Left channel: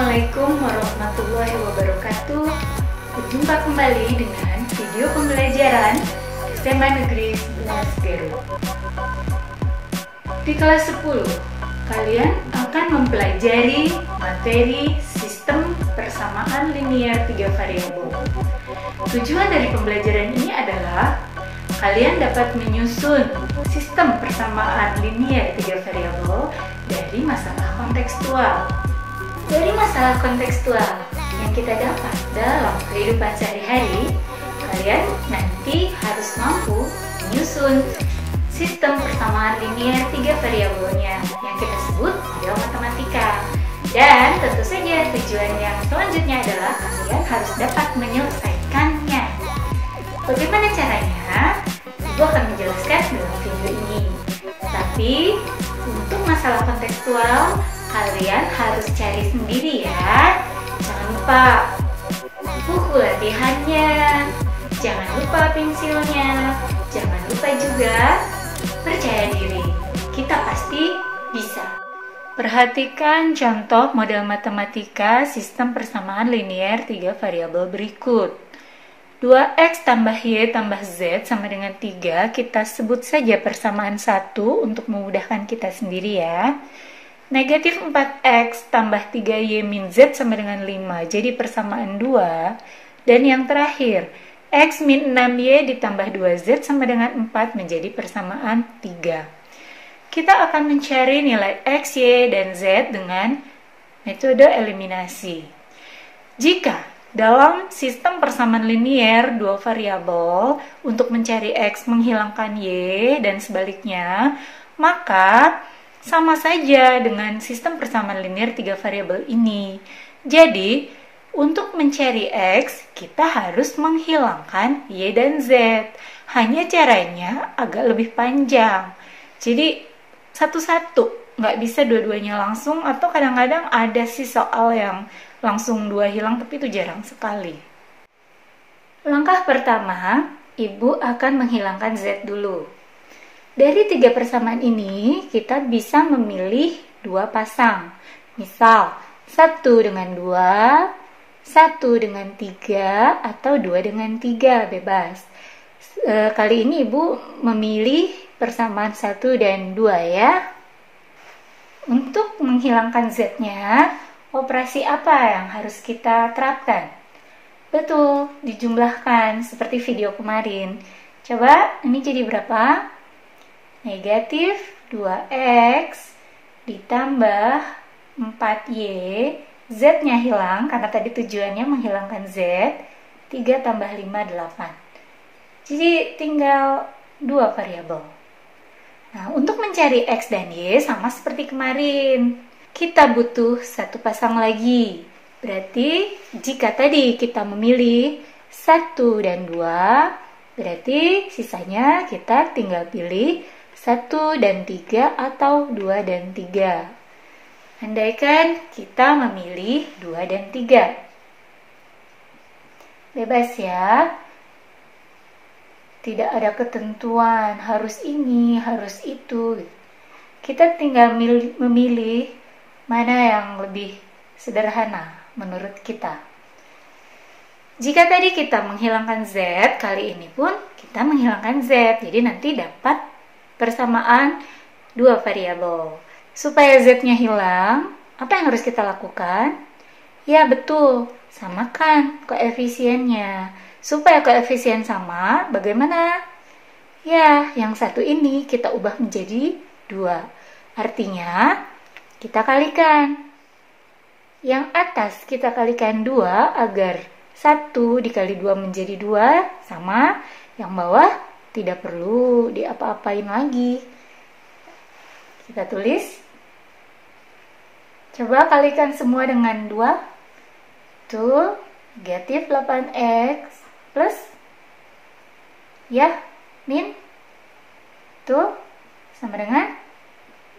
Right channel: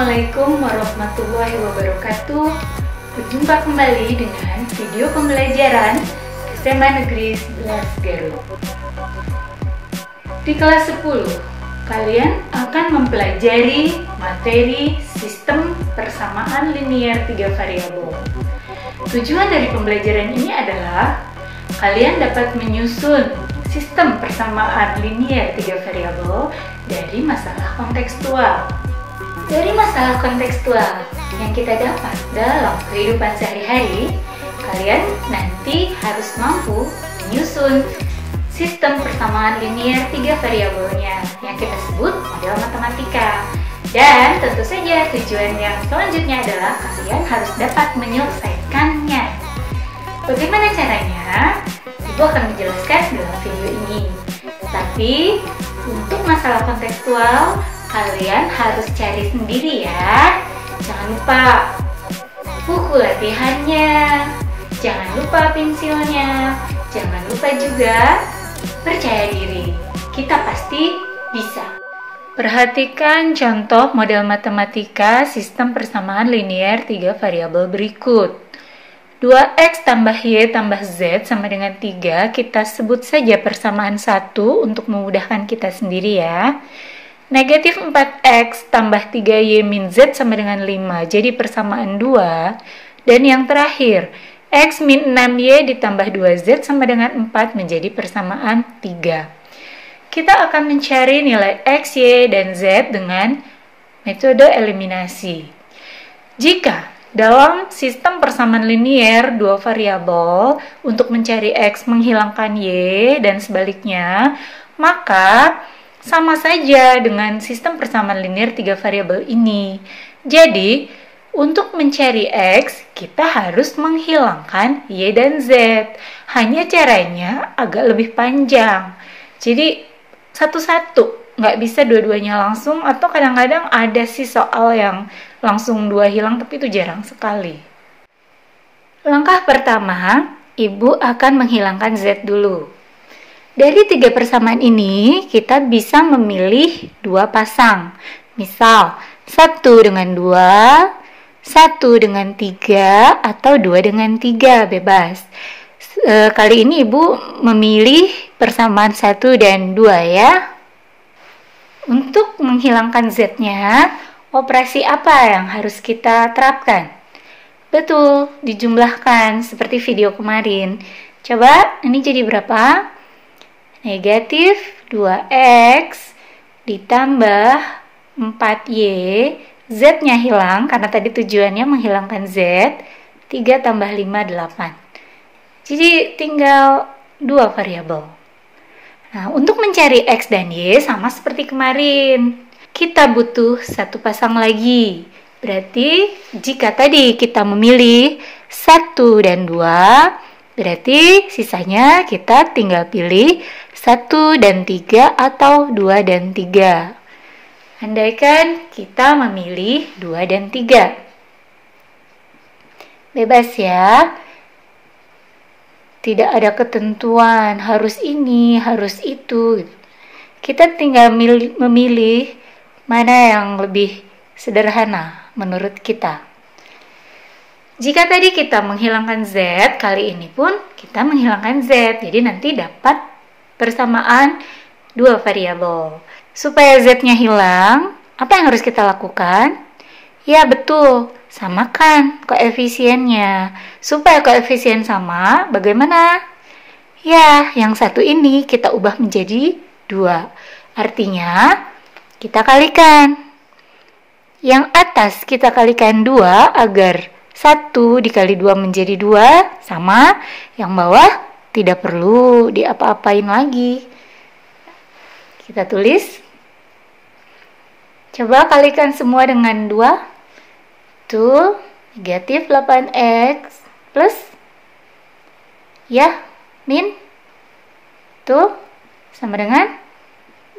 Assalamualaikum warahmatullahi wabarakatuh. Berjumpa kembali dengan video pembelajaran SMA Negeri 11 Garut. Di kelas 10, kalian akan mempelajari materi sistem persamaan linear 3 variabel. Tujuan dari pembelajaran ini adalah kalian dapat menyusun sistem persamaan linear 3 variabel dari masalah kontekstual. Dari masalah kontekstual yang kita dapat dalam kehidupan sehari-hari, kalian nanti harus mampu menyusun sistem persamaan linear 3 variabelnya yang kita sebut model matematika. Dan tentu saja tujuan yang selanjutnya adalah kalian harus dapat menyelesaikannya. Bagaimana caranya? Ibu akan menjelaskan dalam video ini. Tapi untuk masalah kontekstual, kalian harus cari sendiri ya. Jangan lupa buku latihannya, jangan lupa pensilnya, jangan lupa juga percaya diri. Kita pasti bisa. Perhatikan contoh model matematika sistem persamaan linear 3 variabel berikut. 2x tambah y tambah z sama dengan 3, kita sebut saja persamaan 1 untuk memudahkan kita sendiri ya. Negatif 4x tambah 3y min z sama dengan 5, jadi persamaan 2. Dan yang terakhir, x min 6y ditambah 2z sama dengan 4 menjadi persamaan 3. Kita akan mencari nilai x, y, dan z dengan metode eliminasi. Jika dalam sistem persamaan linear 2 variabel untuk mencari x menghilangkan y dan sebaliknya, maka sama saja dengan sistem persamaan linear 3 variabel ini. Jadi, untuk mencari x, kita harus menghilangkan y dan z. Hanya caranya agak lebih panjang. Jadi, satu-satu, nggak bisa dua-duanya langsung, atau kadang-kadang ada sih soal yang langsung 2 hilang, tapi itu jarang sekali. Langkah pertama, Ibu akan menghilangkan z dulu. Dari 3 persamaan ini, kita bisa memilih 2 pasang. Misal, 1 dengan 2, 1 dengan 3, atau 2 dengan 3, bebas. Kali ini Ibu memilih persamaan 1 dan 2 ya. Untuk menghilangkan z-nya, operasi apa yang harus kita terapkan? Betul, dijumlahkan seperti video kemarin. Coba, ini jadi berapa? Negatif 2x ditambah 4y, z-nya hilang karena tadi tujuannya menghilangkan z, 3 tambah 5, 8. Jadi tinggal 2 variabel. Nah, untuk mencari x dan y sama seperti kemarin. Kita butuh 1 pasang lagi. Berarti jika tadi kita memilih 1 dan 2, berarti sisanya kita tinggal pilih 1 dan 3 atau 2 dan 3. Andaikan kita memilih 2 dan 3. Bebas ya. Tidak ada ketentuan, harus ini, harus itu. Kita tinggal memilih mana yang lebih sederhana menurut kita. Jika tadi kita menghilangkan z, kali ini pun kita menghilangkan z. Jadi nanti dapat persamaan 2 variabel. Supaya z-nya hilang, apa yang harus kita lakukan? Ya betul, samakan koefisiennya. Supaya koefisien sama, bagaimana? Ya, yang satu ini kita ubah menjadi 2. Artinya, kita kalikan. Yang atas kita kalikan 2 agar 1 dikali 2 menjadi 2 sama. Yang bawah tidak perlu diapa-apain lagi. Kita tulis. Coba kalikan semua dengan 2. Tuh, negatif 8x plus ya, min. Tuh, sama dengan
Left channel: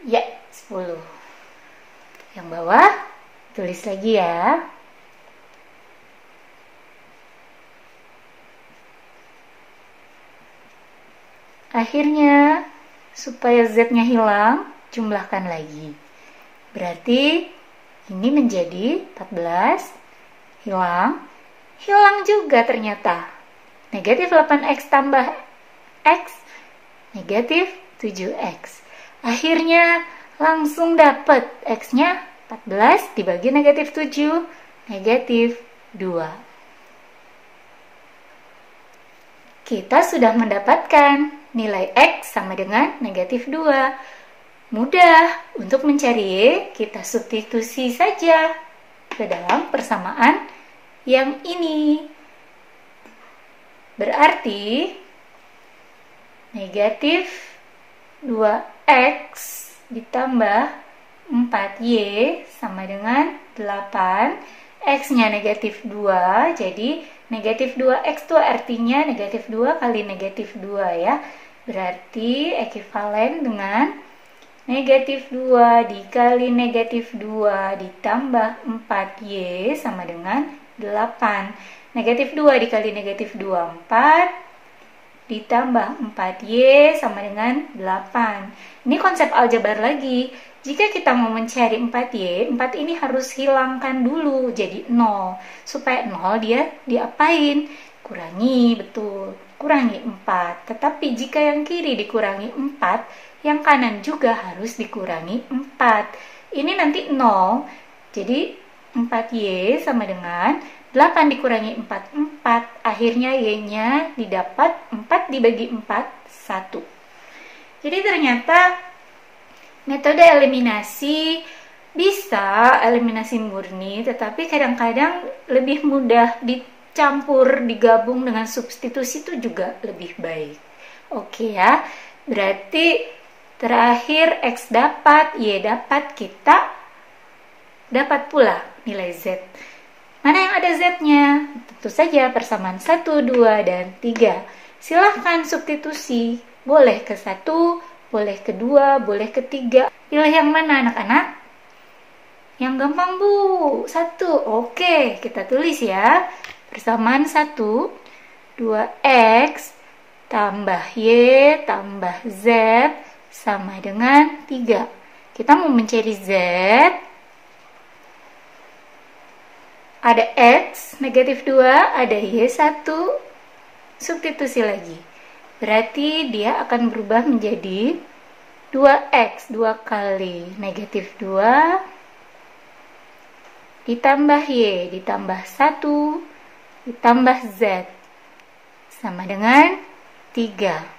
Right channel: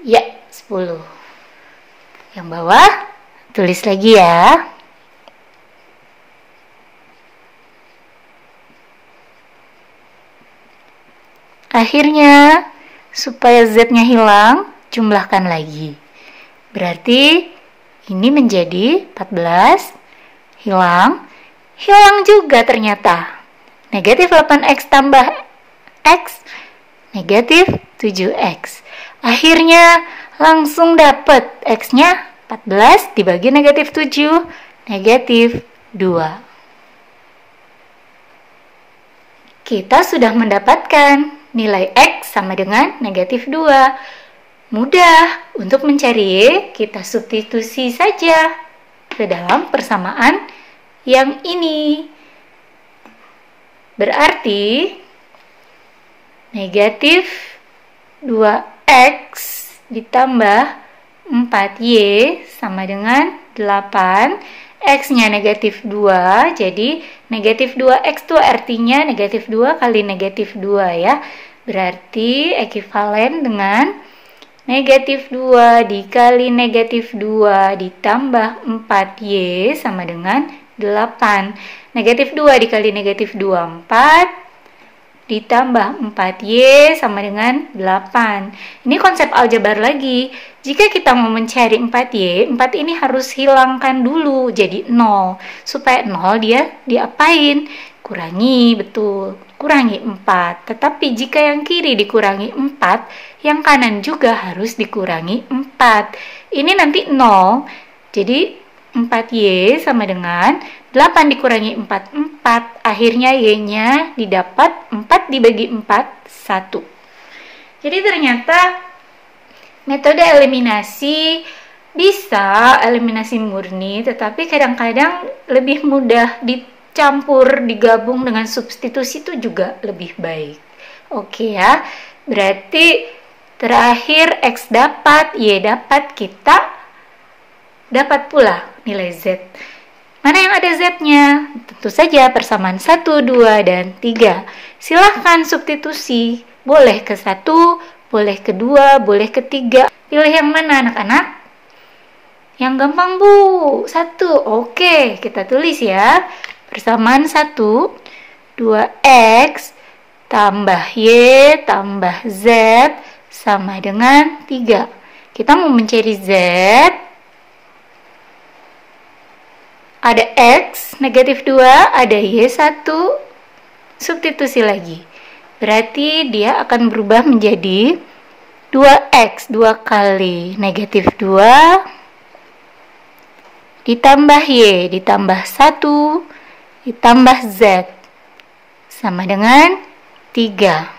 ya, 10. Yang bawah, tulis lagi ya. Akhirnya, supaya z-nya hilang, jumlahkan lagi. Berarti Ini menjadi 14, hilang juga ternyata. Negatif 8x tambah x, negatif 7x. Akhirnya langsung dapat x-nya 14 dibagi negatif 7, negatif 2. Kita sudah mendapatkan nilai x sama dengan negatif 2. Mudah untuk mencari, kita substitusi saja ke dalam persamaan yang ini. Berarti negatif 2x ditambah 4y sama dengan 8. X-nya negatif 2, jadi negatif 2x itu artinya negatif 2 kali negatif 2 ya. Berarti ekuivalen dengan negatif 2 dikali negatif 2 ditambah 4y sama dengan 8. Negatif 2 dikali negatif 2, 4. Ditambah 4y sama dengan 8. Ini konsep aljabar lagi. Jika kita mau mencari 4y, 4 ini harus hilangkan dulu jadi 0. Supaya 0 dia diapain? Kurangi, betul. Kurangi 4. Tetapi jika yang kiri dikurangi 4, yang kanan juga harus dikurangi 4. Ini nanti 0. Jadi 4y sama dengan 8 dikurangi 4, 4. Akhirnya y-nya didapat 4 dibagi 4, 1. Jadi ternyata metode eliminasi bisa eliminasi murni, tetapi kadang-kadang lebih mudah dicampur, digabung dengan substitusi itu juga lebih baik. Oke ya, berarti terakhir x dapat, y dapat, kita dapat pula nilai z. Mana yang ada z-nya? Tentu saja persamaan 1, 2, dan 3. Silahkan substitusi. Boleh ke 1, boleh ke 2, boleh ke 3. Pilih yang mana anak-anak? Yang gampang bu, 1. Oke, kita tulis ya. Persamaan 1, 2x tambah y tambah z sama dengan 3. Kita mau mencari z. Ada x, negatif 2, ada y1, substitusi lagi. Berarti dia akan berubah menjadi 2x, 2 kali negatif 2, ditambah y, ditambah 1, ditambah z, sama dengan 3.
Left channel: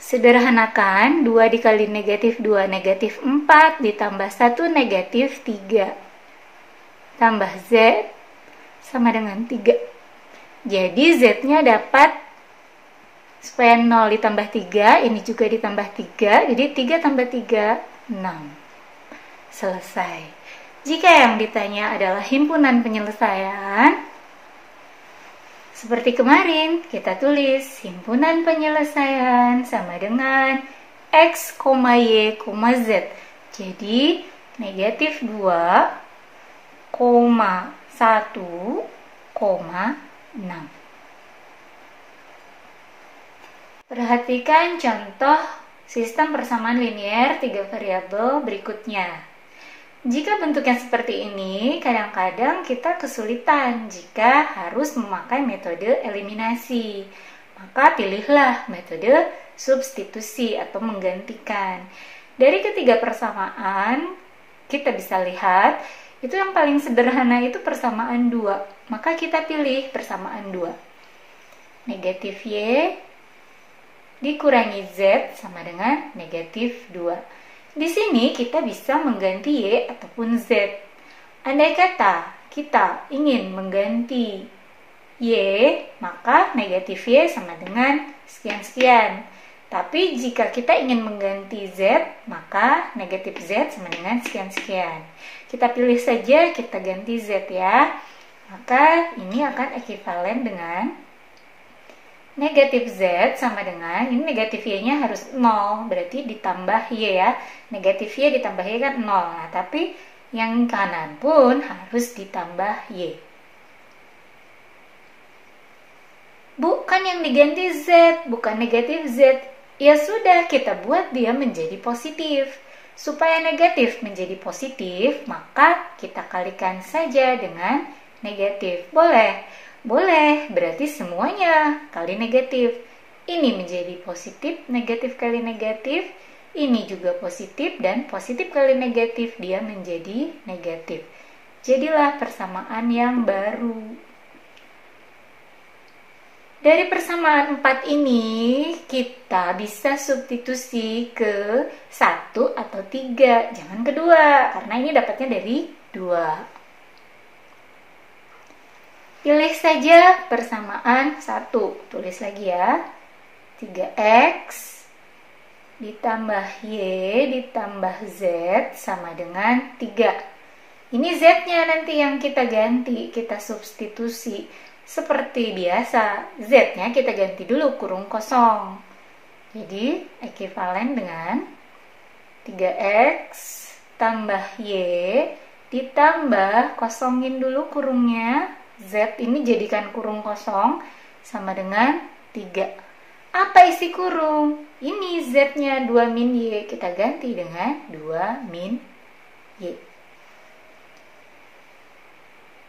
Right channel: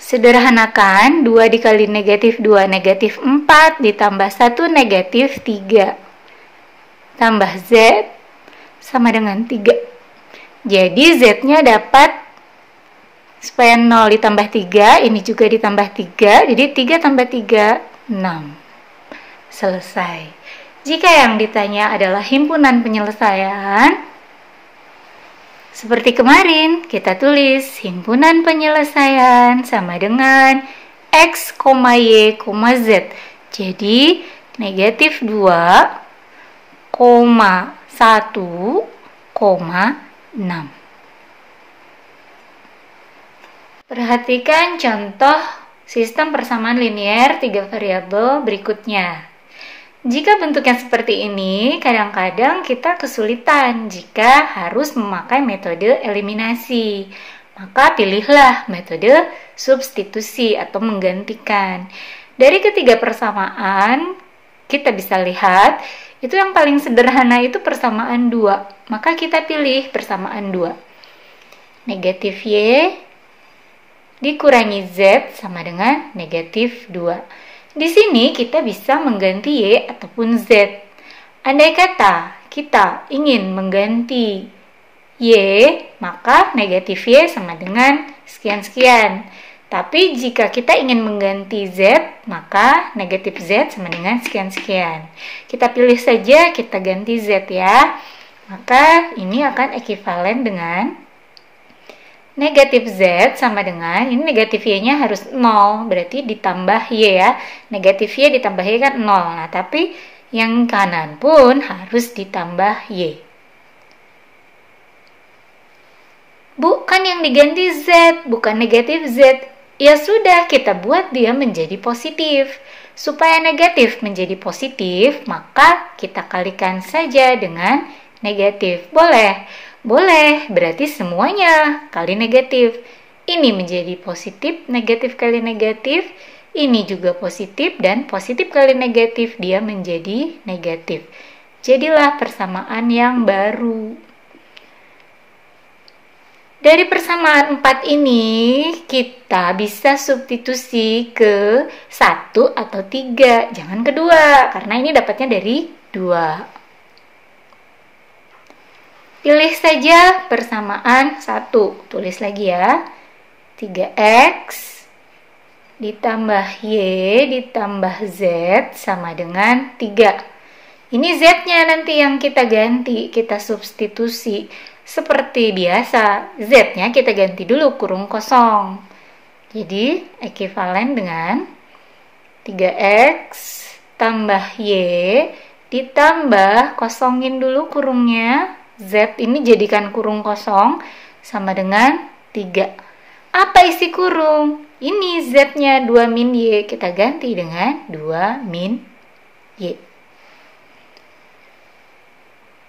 Sederhanakan, 2 dikali negatif 2, negatif 4, ditambah 1, negatif 3. Tambah z sama dengan 3. Jadi z-nya dapat, supaya 0 ditambah 3, ini juga ditambah 3, jadi 3 tambah 3, 6. Selesai. Jika yang ditanya adalah himpunan penyelesaian, seperti kemarin, kita tulis himpunan penyelesaian sama dengan x, y, z. Jadi negatif 2, 1,6. Perhatikan contoh sistem persamaan linear 3 variabel berikutnya. Jika bentuknya seperti ini, kadang-kadang kita kesulitan jika harus memakai metode eliminasi. Maka pilihlah metode substitusi atau menggantikan. Dari ketiga persamaan, kita bisa lihat itu yang paling sederhana itu persamaan 2. Maka kita pilih persamaan 2. Negatif y dikurangi z sama dengan negatif 2. Di sini kita bisa mengganti y ataupun z. Andai kata kita ingin mengganti y, maka negatif y sama dengan sekian-sekian. Tapi jika kita ingin mengganti z, maka negatif z sama dengan sekian-sekian. Kita pilih saja, kita ganti z ya. Maka ini akan ekuivalen dengan negatif z sama dengan, ini negatif y-nya harus 0, berarti ditambah y ya. Negatif y ditambah y kan 0. Nah, tapi yang kanan pun harus ditambah y. Bukan yang diganti z, bukan negatif z. Ya sudah, kita buat dia menjadi positif. Supaya negatif menjadi positif, maka kita kalikan saja dengan negatif. Boleh? Boleh, berarti semuanya kali negatif. Ini menjadi positif, negatif kali negatif. Ini juga positif, dan positif kali negatif, dia menjadi negatif. Jadilah persamaan yang baru. Dari persamaan 4 ini, kita bisa substitusi ke 1 atau 3. Jangan kedua, karena ini dapatnya dari 2. Pilih saja persamaan 1. Tulis lagi ya. 3x ditambah y ditambah z sama dengan 3. Ini z-nya nanti yang kita ganti, kita substitusi. Seperti biasa, z-nya kita ganti dulu kurung kosong. Jadi, ekuivalen dengan 3x tambah y ditambah, kosongin dulu kurungnya. Z ini jadikan kurung kosong sama dengan 3. Apa isi kurung? Ini Z-nya 2 min Y. Kita ganti dengan 2 min Y.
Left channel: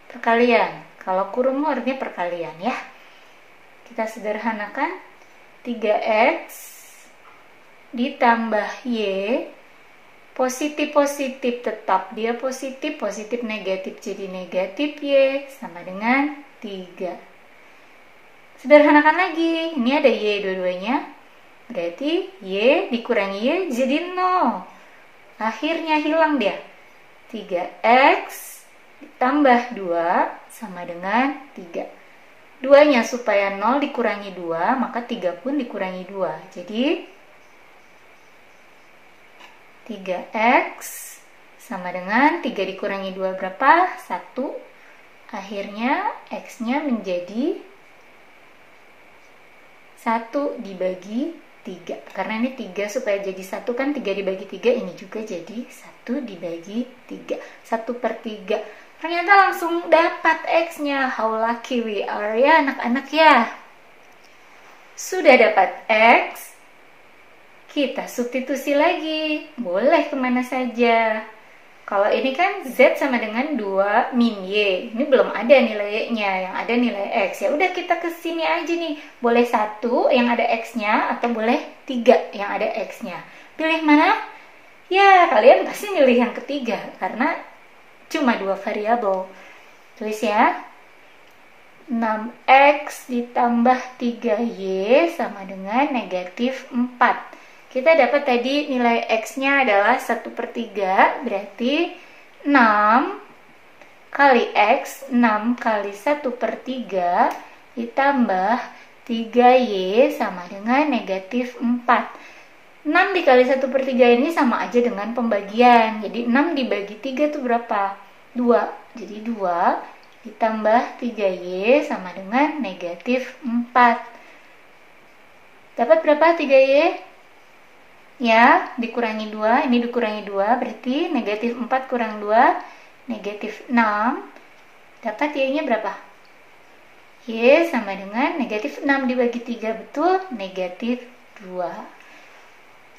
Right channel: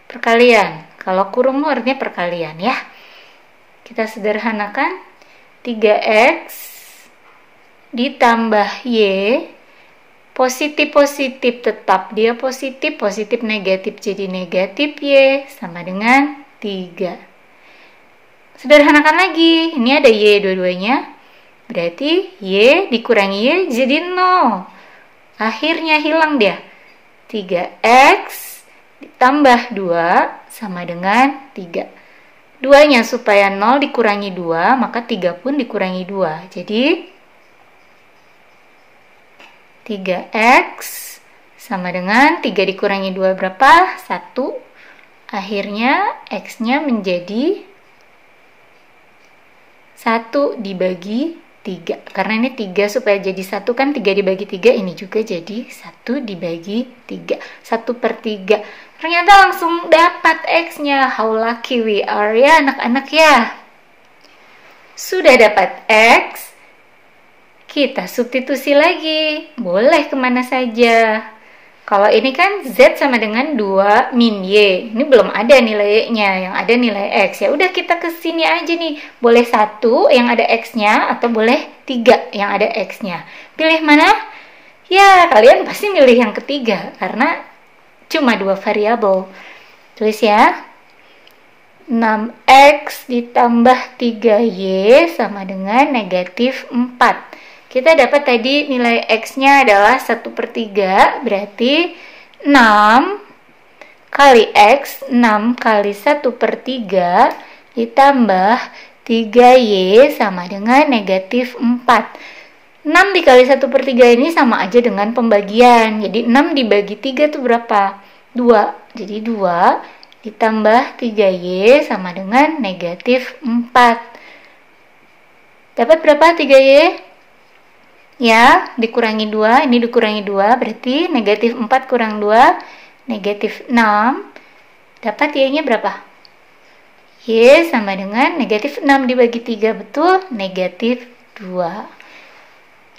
Perkalian. Kalau kurung artinya perkalian ya. Kita sederhanakan. 3x ditambah Y. Positif-positif tetap dia positif, positif negatif jadi negatif Y sama dengan 3. Sederhanakan lagi, ini ada Y dua-duanya, berarti Y dikurangi Y jadi 0. Akhirnya hilang dia. 3x ditambah 2 sama dengan 3. 2-nya supaya 0 dikurangi 2, maka 3 pun dikurangi 2. Jadi 3x sama dengan 3 dikurangi 2 berapa? 1. Akhirnya x-nya menjadi 1 dibagi 3. Karena ini 3 supaya jadi 1 kan 3 dibagi 3, ini juga jadi 1 dibagi 3. 1/3. Ternyata langsung dapat x-nya. How lucky we are ya anak-anak ya. Sudah dapat x. Kita substitusi lagi, boleh kemana saja. Kalau ini kan Z sama dengan 2 min Y. Ini belum ada nilai Y-nya, yang ada nilai X. Ya udah kita ke sini aja nih. Boleh 1 yang ada X-nya atau boleh 3 yang ada X-nya. Pilih mana? Ya, kalian pasti milih yang ketiga karena cuma 2 variabel. Tulis ya. 6X ditambah 3Y sama dengan negatif 4. Kita dapat tadi nilai X-nya adalah 1/3, berarti 6 kali X, 6 kali 1/3 ditambah 3Y sama dengan negatif 4. 6 dikali 1/3 ini sama aja dengan pembagian. Jadi 6 dibagi 3 itu berapa? 2. Jadi 2 ditambah 3Y sama dengan negatif 4. Dapat berapa 3Y? Ya, dikurangi 2, ini dikurangi 2, berarti negatif 4 kurang 2, negatif 6. Dapat Y-nya berapa? Y sama dengan negatif 6 dibagi 3, betul? Negatif 2.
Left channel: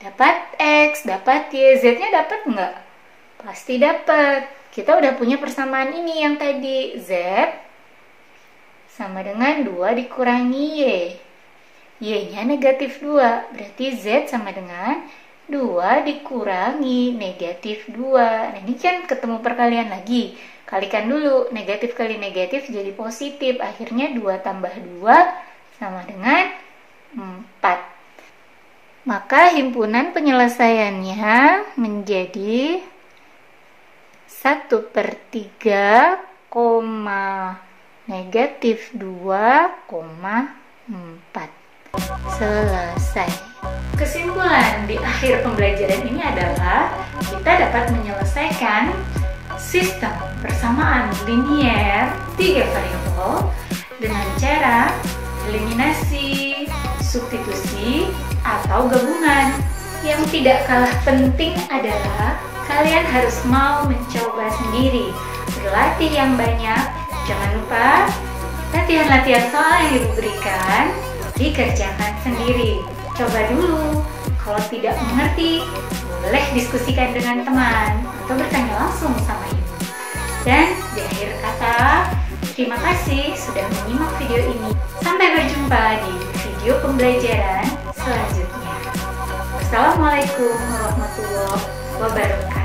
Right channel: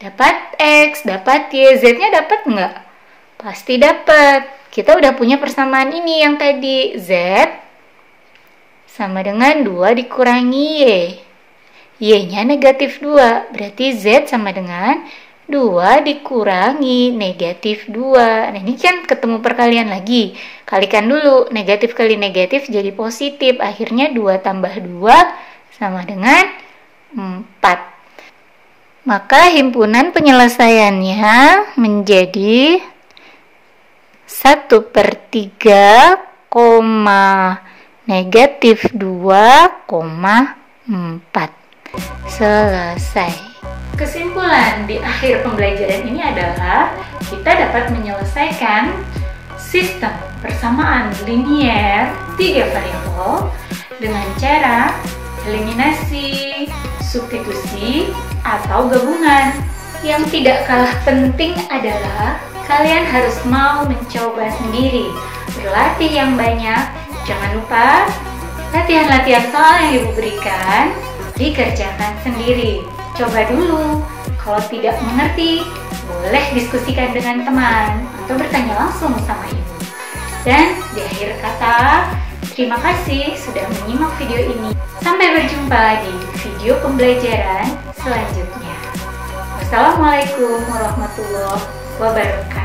Dapat X, dapat Y, Z-nya dapat nggak? Pasti dapat. Kita udah punya persamaan ini yang tadi. Z sama dengan 2 dikurangi Y. Y-nya negatif 2, berarti Z sama dengan 2 dikurangi negatif 2. Nah, ini kan ketemu perkalian lagi. Kalikan dulu, negatif kali negatif jadi positif. Akhirnya 2 tambah 2 sama dengan 4. Maka himpunan penyelesaiannya menjadi 1/3, negatif 2,4. Selesai. Kesimpulan di akhir pembelajaran ini adalah kita dapat menyelesaikan sistem persamaan linier 3 variabel dengan cara eliminasi, substitusi, atau gabungan. Yang tidak kalah penting adalah kalian harus mau mencoba sendiri, berlatih yang banyak. Jangan lupa latihan-latihan soal yang Ibu berikan dikerjakan sendiri. Coba dulu. Kalau tidak mengerti, boleh boleh diskusikan dengan teman atau bertanya langsung sama ibu. Dan di akhir kata, terima kasih sudah menyimak video ini. Sampai berjumpa di video pembelajaran selanjutnya. Wassalamualaikum warahmatullahi wabarakatuh.